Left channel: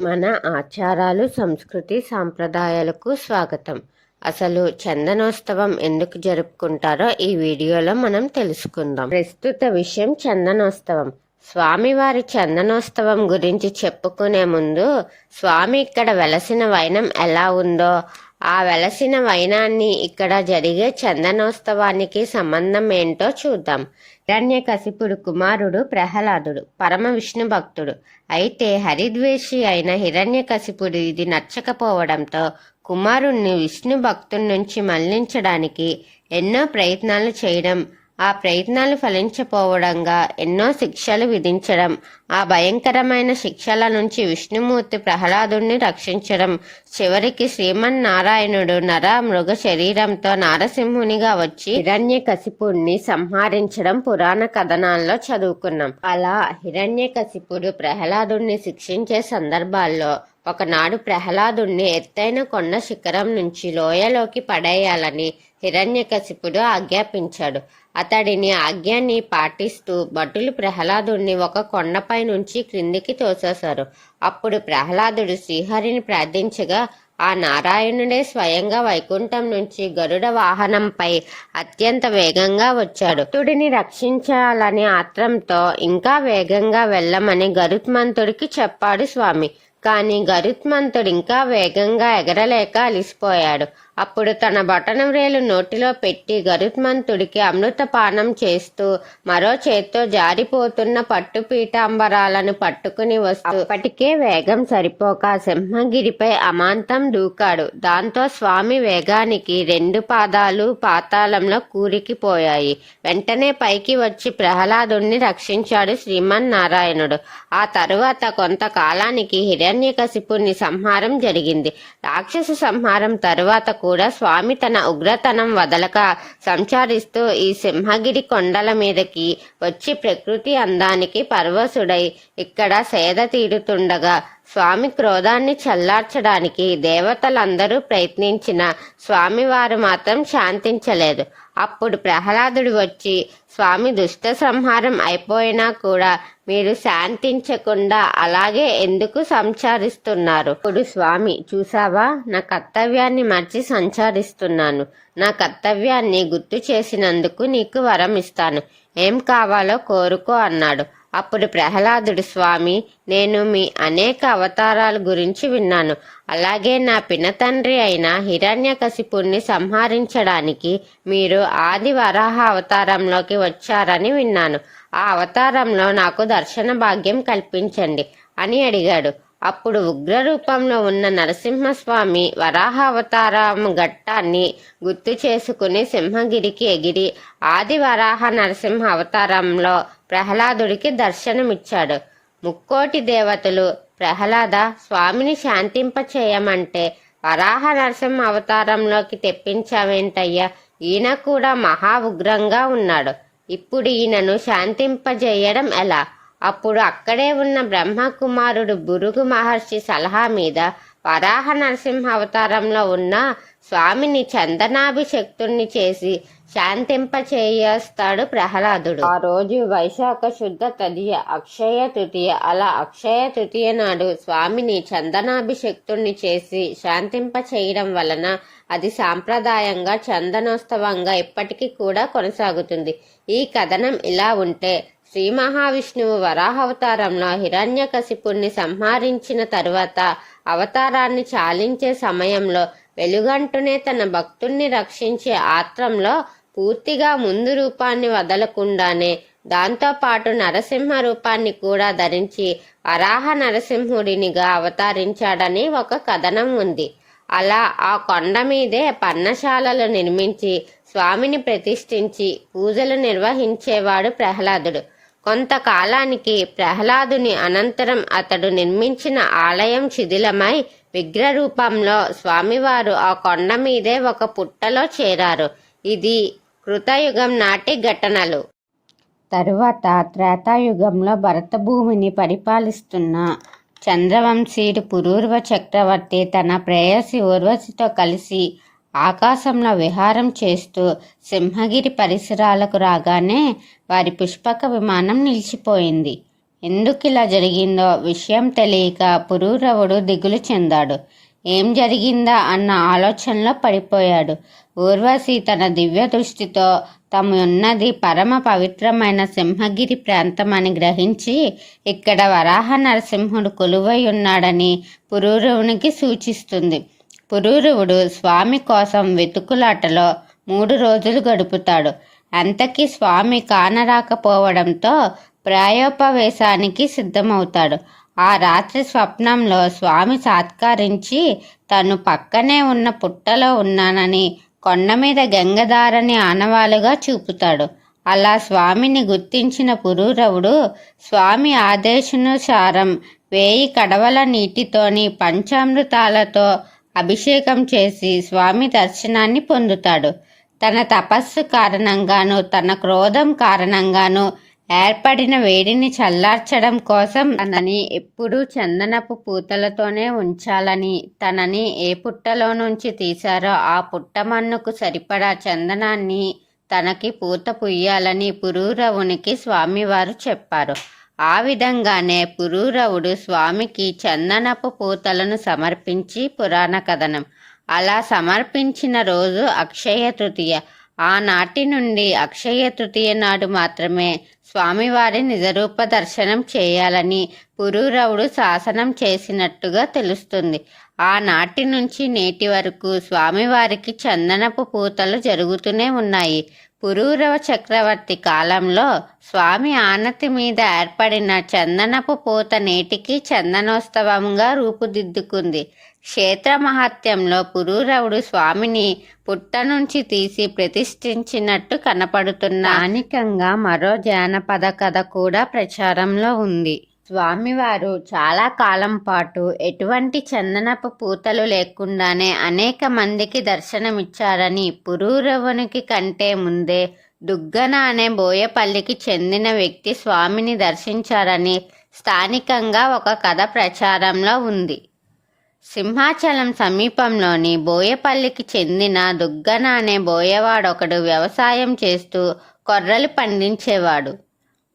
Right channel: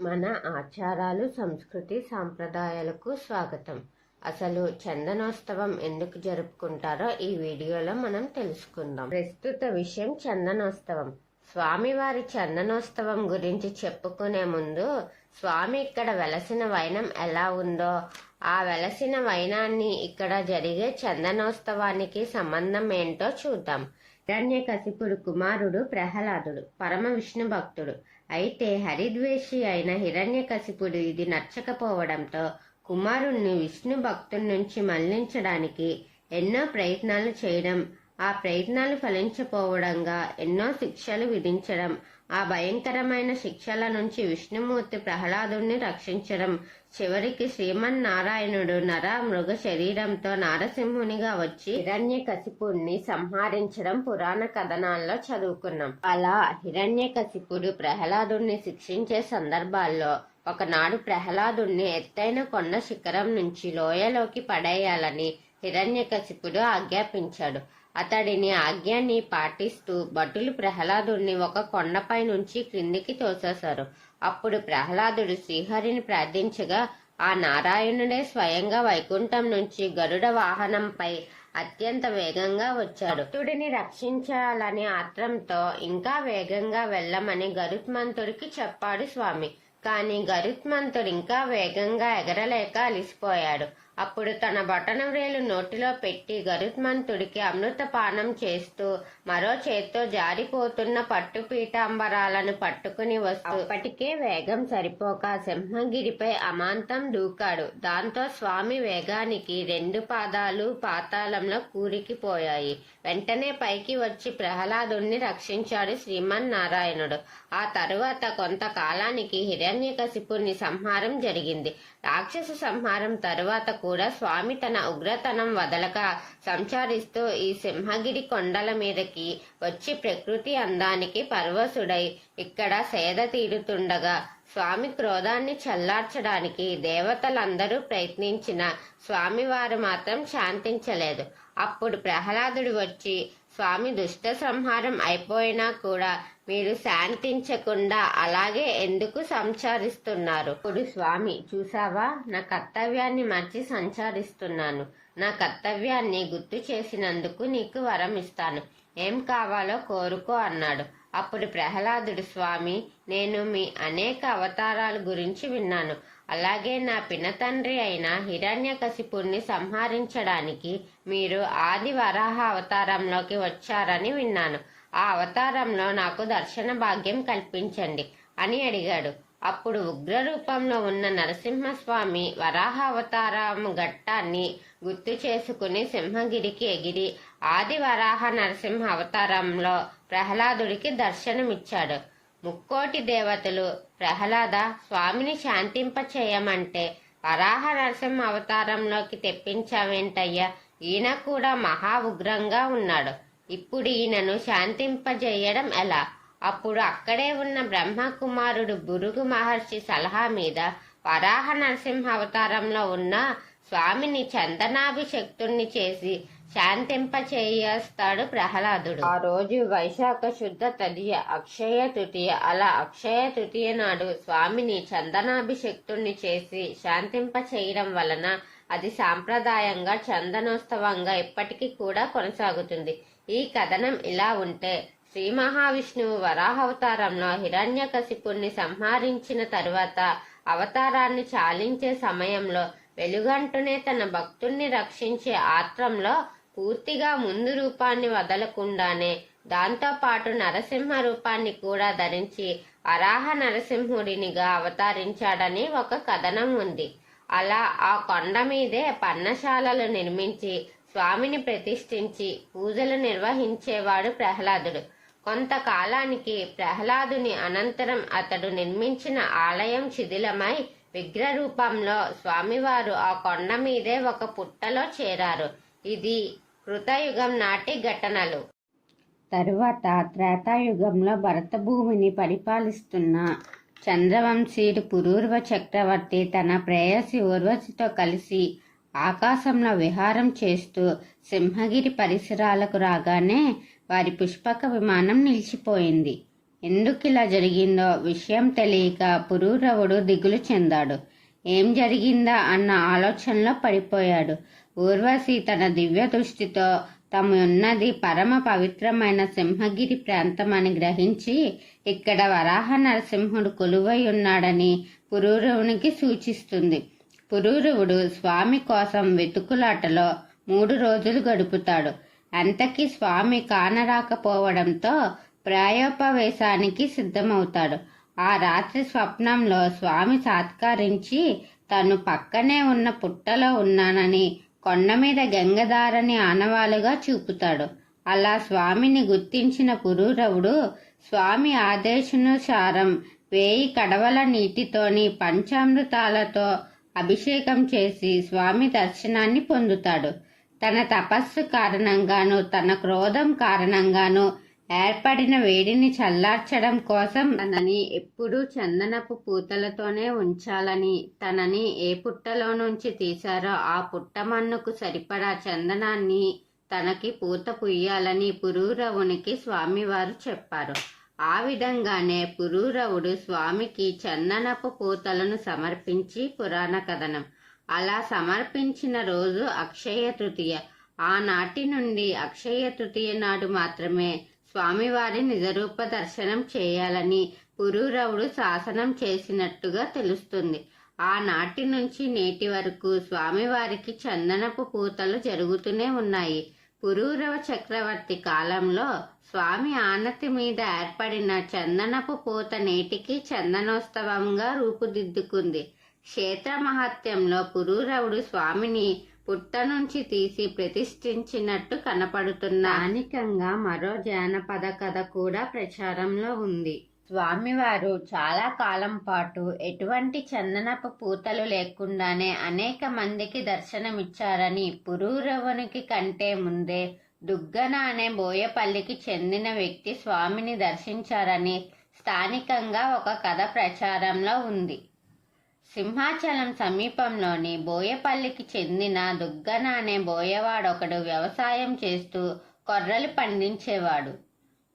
మన ఆచారాలు, సంస్కృతి, సాంప్రదాయాలకు స్వాగతం. అసలు చందనోత్సవం ఎందుకు జరుపుకుంటారో ఈ వీడియోలో మనం తెలుసుకుందాం. ప్రస్తుత విషయం చందనోత్సవం. స్వామివారి చందనోత్సవం గురించి చెప్పుకునే ముందు స్వామి ఇక్కడ వెలసిన వైనం ఎలా ఉందో, ఆ వెలసిన వైనాన్ని ఇక్కడ జరిగే చందనోత్సవానికి సంబంధం ఏంటో చూద్దాం. హిరణ్యకశిపుడు కుమారుడు ప్రహ్లాదుడు పరమ విష్ణు భక్తుడు. అయితే హరిద్వేషి అయిన హిరణ్యకశిపుడు ఇది నచ్చకపోవడంతో కుమారుణ్ణి విష్ణు భక్తుడి నుంచి మళ్లించడానికి ఎన్నో ప్రయత్నాలు చేయడం, ఆ ప్రయత్నాలు ఫలించపోవడంగా ఎన్నో శిక్షలు విధించడం, ఆ భయంకరమైన శిక్షల నుంచి విష్ణుమూర్తి ప్రహ్లాదుణ్ణి రక్షించడం, చివరికి శ్రీమన్నారాయణుడు నర మృగ శరీరంతో నారసింహునిగా వచ్చి హిరణ్యకశిపుడిని సంహరించడం పురాణ కథనాల్లో చదువుకున్నాం. అలా హిరణ్యకశిపుడు ప్రహ్లాదుణ్ణి శిక్షించే సందర్భాల్లో ఒకనాడు ప్రహ్లాదుణ్ణి ఎత్తైన కొండ శిఖరం నుంచి లోయలోకి పడేయాలని హిరణ్యకశిపుడు ఆజ్ఞాపించాడు. అతడిని ఆజ్ఞని పాటిస్తూ భటులు ప్రహ్లాదుడిని ఒక కొండపై నుంచి క్రిందికి తోసేశారు. అప్పుడు ప్రహ్లాదుడు శ్రీహరిని ప్రార్థించగా ఆ నారాయణుడే స్వయంగా వైకుంఠం నుంచి గరుడ వాహనంపై అత్యంత వేగంగా వచ్చాడు. భక్తుడిని రక్షించాలని ఆత్రంతో ఇంకా వేగంగా వెళ్ళమని గరుత్మంతుడికి చెప్పాడు స్వామి. కానీ గరుత్మంతుడు ఇంకా వేగంగా ఎగరలేక అలిసిపోయాడు. అప్పుడు తన బొటనవ్రేలు నోటిలో పెట్టి గరుత్మంతుడికి అమృతపానం చేస్తూ మరో చేత్తో జారిపోతున్న పట్టు పీతాంబరాలను పట్టుకుని వస్తూ అప్పటికే వేగం సరిపోక సింహగిరిపై అమాంతం దూకాడు. దాంతో స్వామి వేగానికి రెండు పాదాలు పాతాళంలో కూరికిపోయాయి. వెంటనే పైకి వచ్చి ప్రహ్లాదుణ్ణి రక్షించాడు శ్రీమన్నారాయణుడు. ఆ తరువాత కొంతకాలానికి హిరణ్యకశిపుని సంహారం జరిగింది. రాక్షస సంహారం తరువాత కూడా స్వామి తన ఉగ్రతనం వదలక సంచరిస్తూ ఈ సింహగిరి కొండల మీదకి వచ్చి ప్రకృతి అందానికి పరవశుడై ఇక్కడ సేద తీరుతుండగా స్వామి క్రోధాన్ని చల్లార్చడానికి దేవతలందరూ ప్రయత్నించిన స్వామివారు మాత్రం శాంతించలేదు. అప్పుడు ప్రహ్లాదుడు వచ్చి స్వామి దుష్ట సంహారం అయిపోయినా కూడా మీరు శాంతించకుండా అలాగే ఎందుకు సంచరిస్తున్నారు? ఇప్పుడు స్వామి చూసావా, నా కర్తవ్యాన్ని మర్చి సంచరిస్తున్నాను. నా కర్తవ్యాన్ని గుర్తు చేసినందుకు నీకు వరం ఇస్తాను. ఏం కావాలో కోరుకో అన్నాడు. అప్పుడు ప్రహ్లాదుడు స్వామి, నేను మీ అనేక అవతారాల గురించి విన్నాను. అలాగే నా పినతండ్రి అయిన హిరణ్యకశిపుణ్ణి సంహరించడానికి మీరు ఆది వరాహ అవతారంలోకి వచ్చారని విన్నాను. ఆ అవతారంలో నాకు దర్శన భాగ్యం కల్పించండి అని అడిగాడు. అప్పుడు ఉగ్ర రూపంలో ఉన్న నరసింహస్వామి వరాహ అవతారం ఘట్టాన్ని గుర్తు చేసుకుని సింహగిరికి ఎగిరి ఆది వరాహ నరసింహ అవతారంలో ప్రహ్లాదుడికి దర్శనమిచ్చాడు. ముక్కోటి దేవతలు ప్రహ్లాద, స్వామిని శాంతింపచేయమంటే వరాహ నరసింహ అవతారంలోకి తెప్పించావేంటయ్యా? ఈయన కూడా మహా ఉగ్రంగా ఉన్నాడు. ఇప్పుడు ఈయనను శాంతింపజేయడం ఎలా? అప్పుడు అక్కడే ఉన్న బ్రహ్మకుమారుడు భృగు మహర్షి సలహా మీద వరాహ నరసింహ అవతారంలో ఉన్న స్వామిని చందనాభిషక్తుణ్ణి చేసి శాంతింపచేస్తాడు ప్రహ్లాదుడు. ఆ రోజు వైశాఖ శుద్ధ తదియ అక్షయ తృతీయ. అలా అక్షయ తృతీయ నాడు స్వామిని చందనాభిషక్తుణ్ణి చేసి శాంతింపచేయడం వలన అది సాంప్రదాయంగా చందనోత్సవంగా ఇప్పటికీ కూడా కొనసాగుతుంది. ఈ కథనం ఇలా ఉంటే, శ్రీ మహావిష్ణువు వరాహావతారంలో హిరణ్యకశిపుణ్ణి సంహరించిన తరువాత అవతారాన్ని చాలించే సమయంలో వెలుగంటూనే తన భక్తుణ్ణి రక్షించే ఆత్రంలో పూర్తిగా ముందు రూపాన్ని వదలకుండానే దాంతోపాటు నరసింహ రూపాన్ని కూడా ధరించి వరాహ నరసింహుడినిగా అవతరించాడని ఒక కథనం ఉంది. అలా ఆ కొండ మీదే పర్ణశాలలు నిర్మించి స్వామిని ప్రతిష్ఠించి పూజలు నిర్వహించేవాడు ప్రహ్లాదుడు. కొంతకాలానికి ప్రహ్లాదుని అనంతరం అతడు నిర్మించిన ఆలయం శిథిలమై విగ్రహ రూపంలో స్వామివారు ఆ కొండ మీదే ఒక పుట్టలో చేరారు. ఇది కృతయుగం నాటి ఘటనలు. తరువాత త్రేతాయుగంలో భరత భూమిని పరిపాలిస్తున్న చంద్రవంశీయుడు పురూరవ చక్రవర్తి తన ప్రేయసి ఊర్వశితో కలిసి ఆకాశంలో విహారం చేస్తూ సింహగిరి పరిసరాలకు రాగానే వారి పుష్పక విమానం నిలిచిపోయింది. ఎందుకిలా జరిగిందో విషయం తెలియక పురూరవుడు దిగులు చెందాడు. ఏం జరిగిందా అన్న ఆలోచనలో పడిపోయాడు. ఊర్వశి తన దివ్య దృష్టితో తాము ఉన్నది పరమ పవిత్రమైన సింహగిరి ప్రాంతం అని గ్రహించి ఇక్కడ వరాహ నరసింహుడు కొలువై ఉన్నాడని పురూరవునికి సూచిస్తుంది. పురూరవుడు స్వామి కోసం వెతుకులాటలో 3 రోజులు గడుపుతాడు. అంతకీ స్వామి కానరాకపోవడంతో ప్రాయోపవేశానికి సిద్ధమవుతాడు. ఆ రాత్రి స్వప్నంలో స్వామి సాత్కరించి తను పక్కనే ఉన్న పుట్టలో ఉన్నానని కొండ మీద గంగధారని ఆనవాలుగా చూపుతాడు. అలా స్వామిని గుర్తించిన పురూరవుడు స్వామి ఆదేశానుసారం 1000 కడవల నీటితోని పంచామృతాలతో అభిషేకం చేసి స్వామి దర్శనాన్ని పొందుతాడు. తన తపస్సు కారణంగాను తన క్రోధం కారణంగాను ఏర్పడిన వేడిని చల్లార్చడం కోసం తనని ఎప్పుడూ చందనపు పూతలతోనే ఉంచాలని, తనని ఏ పుట్టలో నుంచి తీశారో ఆ పుట్టమన్నుకు సరిపడా చందనాన్ని తనకి పూత పుయ్యాలని పురూరవునికి స్వామివారు చెప్పారు. ఆ విధంగానే పురూరవుడు స్వామికి చందనపు పూతలను సమర్పించి పురాణ కథనం. అలా సమర్పించిన రోజు అక్షయ తృతీయ. ఆనాటి నుండి అక్షయ తృతీయ నాడు మాత్రమే స్వామివారి నిజరూప దర్శనం చేయాలని పురూరవుడు శాసనం చేసినట్టుగా తెలుస్తుంది. ఆనాటి నుంచి నేటి వరకు స్వామివారికి చందనపు పూతలు జరుగుతూనే ఉన్నాయి. పురూరవ చక్రవర్తి కాలంలో స్వామి ఆనతి మీద ఏర్పడిన చందనపు పూత నేటికి చందనోత్సవంగా రూపుదిద్దుకుంది. క్షేత్ర మహాత్మ్యంలో పురూరవుడు స్వామిని పుట్ట నుంచి తీసి ప్రతిష్ఠించినట్టు కనపడుతున్న స్థానికంగా మరో జానపద కథ కూడా ప్రచారంలో ఉంది. స్వామివారు చాలా కాలం పాటు ఎటువంటి చందనపు పూతలు లేకుండానే అనేక మందికి దర్శనమిచ్చారని, పురూరవునికి కంటే ముందే దుగ్గన అనే బోయపల్లికి చెందిన వ్యక్తి స్వామిని దర్శించారని స్థానికంగా ఒక కథ ప్రచారంలో ఉంది. సింహాచలం సమీపంలోని బోయపల్లికి చెందిన దుగ్గన అనే బోయవాడొకడు వ్యవసాయం చేస్తూ కొర్రలు పండించేవాడు.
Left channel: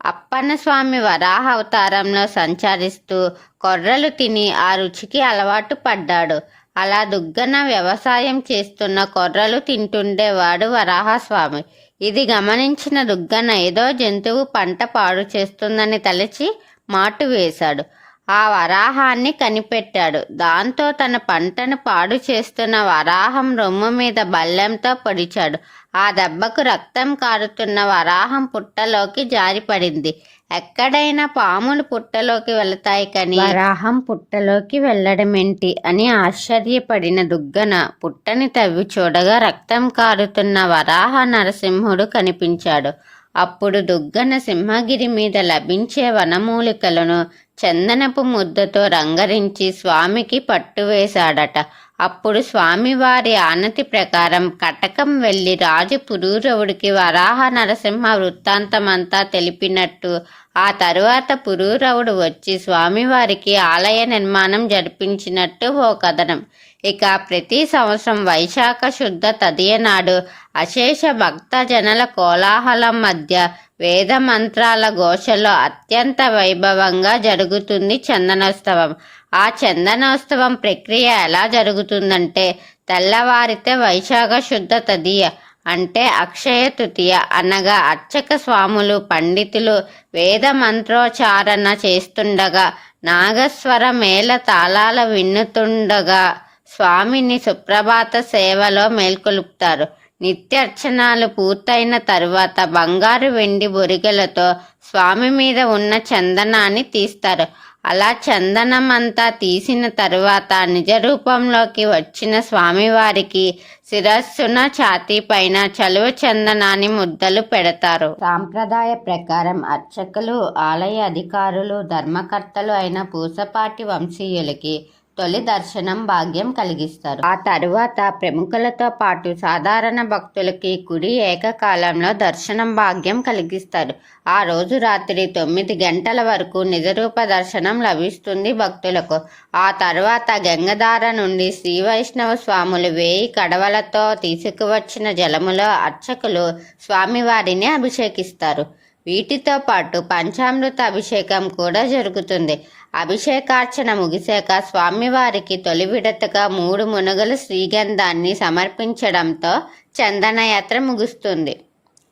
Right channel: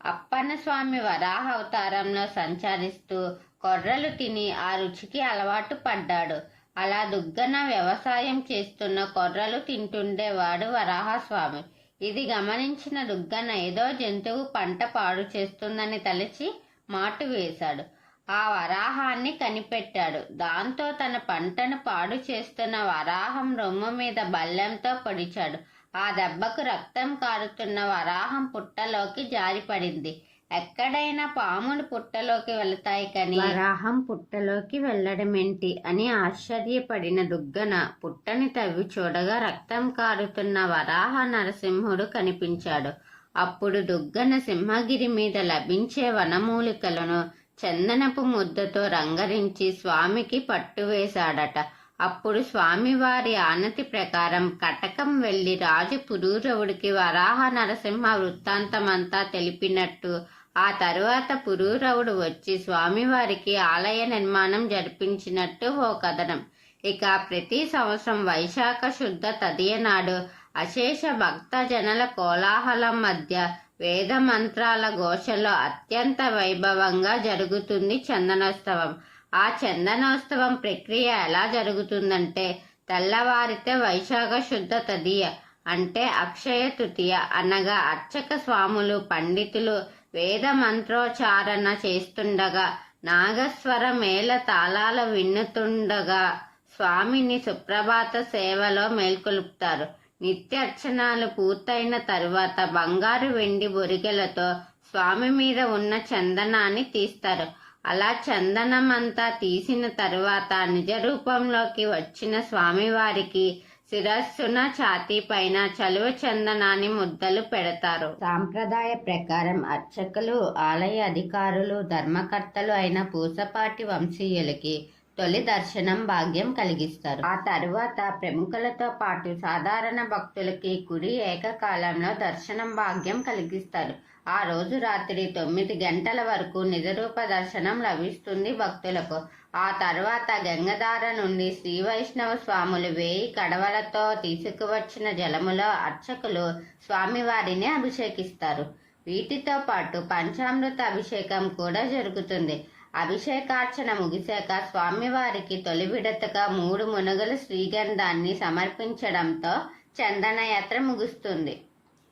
అప్పన్నస్వామి వరాహ అవతారంలో సంచరిస్తూ కొర్రలు తిని ఆ రుచికి అలవాటు పడ్డాడు. అలా దుగ్గన వ్యవసాయం చేస్తున్న కొర్రలు తింటుండేవాడు వరాహస్వామి. ఇది గమనించిన దుగ్గన ఏదో జంతువు పంట పాడు చేస్తుందని తలచి మాటు వేశాడు. ఆ వరాహాన్ని కనిపెట్టాడు. దాంతో తన పంటను పాడు చేస్తున్న వరాహం రొమ్ము మీద బల్లెంతో పొడిచాడు. ఆ దెబ్బకు రక్తం కారుతున్న వరాహం పుట్టలోకి జారిపడింది. ఎక్కడైనా పాములు పుట్టలోకి వెళతాయి కానీ వరాహం పుట్టలోకి వెళ్ళడమేంటి అని ఆశ్చర్యపడిన దుగ్గన పుట్టని తవ్వి చూడగా రక్తం కారుతున్న వరాహ నరసింహుడు కనిపించాడు. అప్పుడు దుగ్గన సింహగిరి మీద లభించే వనమూలికలను చందనపు ముద్దతో రంగరించి స్వామికి పట్టువేశాడట. అప్పుడు స్వామివారి ఆనతి ప్రకారం కటకం వెళ్ళి రాజు పురూరవుడికి వరాహ నరసింహ వృత్తాంతమంతా తెలిపినట్టు ఆ తరువాత పురూరవుడు వచ్చి స్వామివారికి ఆలయ నిర్మాణం జరిపించినట్టు ఓ కథనం. ఇక ప్రతి సంవత్సరం వైశాఖ శుద్ధ తదియ నాడు అశేష భక్త జనల కోలాహలం మధ్య వేద మంత్రాల ఘోషలో అత్యంత వైభవంగా జరుగుతుంది చందనోత్సవం. ఆ చందనోత్సవం ప్రక్రియ ఎలా జరుగుతుందంటే, తెల్లవారితే వైశాఖ శుద్ధ తదియ అంటే అక్షయ తృతీయ అనగా అర్చక స్వాములు పండితులు వేద మంత్రోచ్చారణ చేస్తుండగా, నాగస్వర మేళ తాళాల విన్నుతుండగా స్వామిని సుప్రభాత సేవలో మేల్కొలుపుతారు. నిత్యార్చనాలు పూర్తయిన తరువాత బంగారు వెండి బొరిగెలతో స్వామి మీద ఉన్న చందనాన్ని తీస్తారు. అలా చందనమంతా తీసిన తరువాత నిజ రూపంలోకి వచ్చిన స్వామివారికి శిరస్సున ఛాతీ పైన చలువ చందనాన్ని ముద్దలు పెడతారు. సాంప్రదాయ ప్రకారం అర్చకులు, ఆలయ అధికారులు, ధర్మకర్తలు అయిన పూసపాటి వంశీయులకి తొలి దర్శనం భాగ్యం కలిగిస్తారు. ఆ తరువాత ప్రముఖులతో పాటు సాధారణ భక్తులకి కుడి ఏకకాలంలో దర్శనం భాగ్యం కలిగిస్తారు. ఆ రోజు రాత్రి 9 గంటల వరకు నిజరూప దర్శనం లభిస్తుంది భక్తులకు. ఆ తర్వాత గంగధార నుండి శ్రీ వైష్ణవ స్వాములు 1000 కడవలతో తీసుకువచ్చిన జలములో అర్చకులు స్వామివారిని అభిషేకిస్తారు. వీటితో పాటు పంచామృత అభిషేకం కూడా జరుగుతుంది. అభిషేకార్చన ముగిశాక స్వామివారికి తొలి విడతగా 3 మునగల శ్రీగంధాన్ని సమర్పించడంతో చందనయాత్ర ముగుస్తుంది.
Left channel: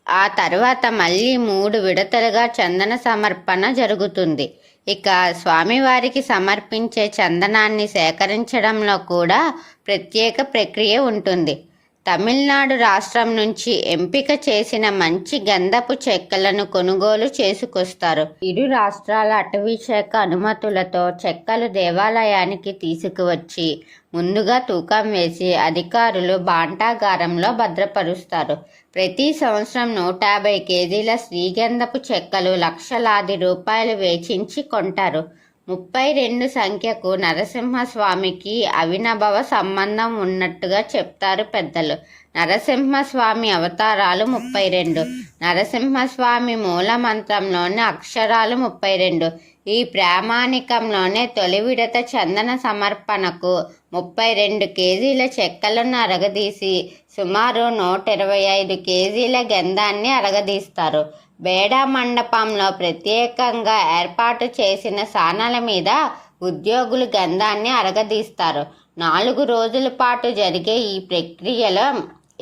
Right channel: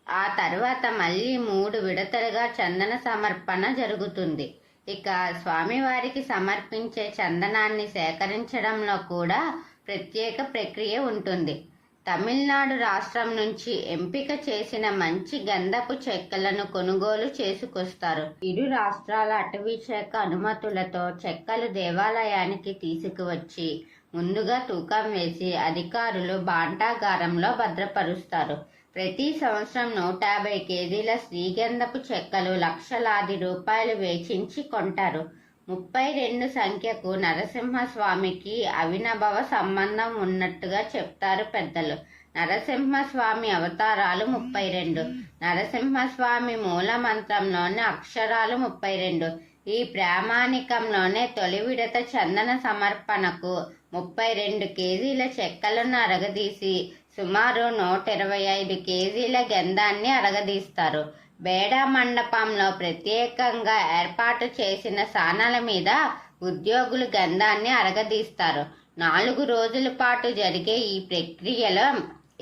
ఆ తర్వాత మళ్ళీ 3 విడతలుగా చందన సమర్పణ జరుగుతుంది. ఇక స్వామివారికి సమర్పించే చందనాన్ని సేకరించడంలో కూడా ప్రత్యేక ప్రక్రియ ఉంటుంది. తమిళనాడు రాష్ట్రం నుంచి ఎంపిక చేసిన మంచి గంధపు చెక్కలను కొనుగోలు చేసుకొస్తారు. ఇరు రాష్ట్రాల అటవీ శాఖ అనుమతులతో చెక్కలు దేవాలయానికి తీసుకువచ్చి ముందుగా తూకం వేసి అధికారులు భాండాగారంలో భద్రపరుస్తారు. ప్రతి సంవత్సరం 150 కేజీల శ్రీగంధపు చెక్కలు లక్షలాది రూపాయలు వెచ్చించి కొంటారు. 32 సంఖ్యకు నరసింహస్వామికి అవినాభావ సంబంధం ఉన్నట్టుగా చెప్తారు పెద్దలు. నరసింహస్వామి అవతారాలు 32. నరసింహస్వామి మూల మంత్రంలోని అక్షరాలు 32. ఈ ప్రామాణికంలోనే తొలి విడత చందన సమర్పణకు 32 కేజీల చెక్కలను అరగదీసి సుమారు 125 కేజీల గంధాన్ని అరగదీస్తారు. బేడా మండపంలో ప్రత్యేకంగా ఏర్పాటు చేసిన సానల మీద ఉద్యోగులు గంధాన్ని అరగదీస్తారు. 4 రోజుల పాటు జరిగే ఈ ప్రక్రియలో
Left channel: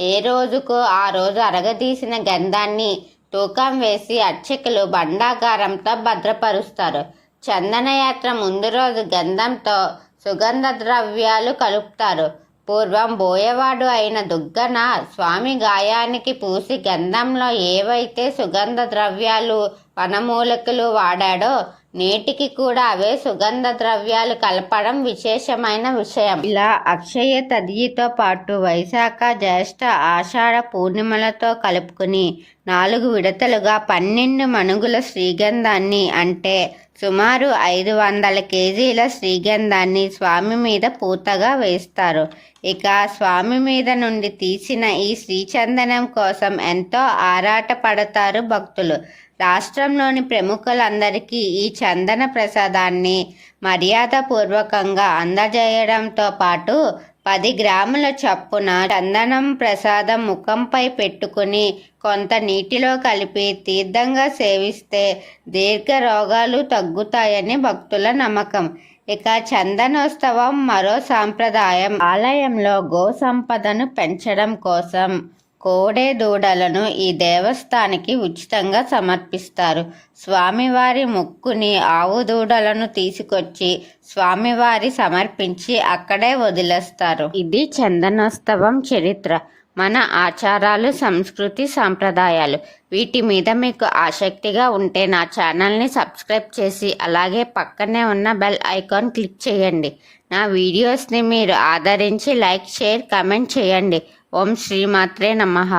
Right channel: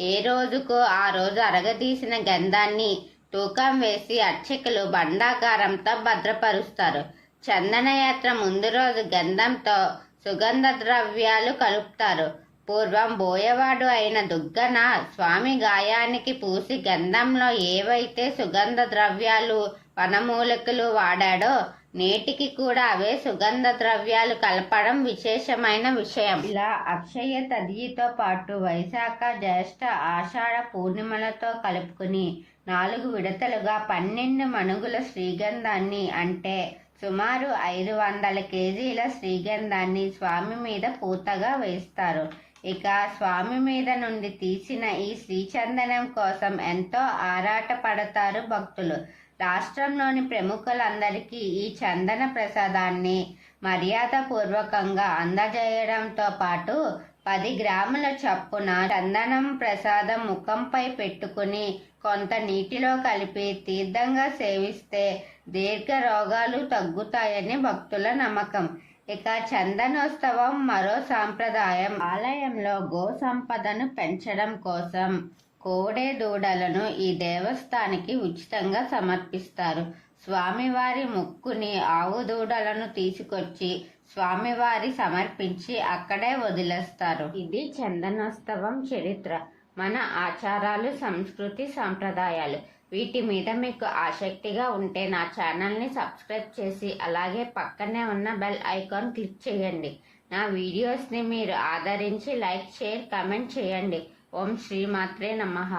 ఏ రోజుకు ఆ రోజు అరగదీసిన గంధాన్ని తూకం వేసి అర్చకులు భండాగారంతో భద్రపరుస్తారు. చందనయాత్ర ముందు రోజు గంధంతో సుగంధ ద్రవ్యాలు కలుపుతారు. పూర్వం బోయవాడు అయిన దుగ్గన స్వామి గాయానికి పూసి గంధంలో ఏవైతే సుగంధ ద్రవ్యాలు వనమూలికలు వాడాడో నేటికి కూడా అవే సుగంధ ద్రవ్యాలు కలపడం విశేషమైన విషయం. ఇలా అక్షయ తదియతో పాటు వైశాఖ, జ్యేష్ఠ, ఆషాఢ పూర్ణిమలతో కలుపుకుని 4 విడతలుగా 12 మణుగుల శ్రీగంధాన్ని అంటే సుమారు 500 కేజీల శ్రీగంధాన్ని స్వామి మీద పూతగా వేస్తారు. ఇక స్వామి మీద నుండి తీసిన ఈ శ్రీచందనం కోసం ఎంతో ఆరాట పడతారు భక్తులు. రాష్ట్రంలోని ప్రముఖులందరికీ ఈ చందన ప్రసాదాన్ని మర్యాదపూర్వకంగా అందజేయడంతో పాటు 10 గ్రాముల చొప్పున చందనం ప్రసాదం ముఖంపై పెట్టుకుని కొంత నీటిలో కలిపి తీర్థంగా సేవిస్తే దీర్ఘ రోగాలు తగ్గుతాయని భక్తుల నమ్మకం. ఇక చందనోత్సవం మరో సాంప్రదాయం. ఆలయంలో గో సంపదను పెంచడం కోసం కోడె దూడలను ఈ దేవస్థానానికి ఉచితంగా సమర్పిస్తారు. స్వామివారి మొక్కుని ఆవు దూడలను తీసుకొచ్చి స్వామివారి సమర్పించి అక్కడే వదిలేస్తారు. ఇది చందనోత్సవం చరిత్ర, మన ఆచారాలు, సంస్కృతి, సాంప్రదాయాలు. వీటి మీద మీకు ఆసక్తిగా ఉంటే నా ఛానల్ని సబ్స్క్రైబ్ చేసి అలాగే పక్కనే ఉన్న బెల్ ఐకాన్ క్లిక్ చేయండి. నా వీడియోస్ని మీరు ఆదరించి లైక్, షేర్, కమెంట్ చేయండి. ఓం శ్రీమాత్రే నమః.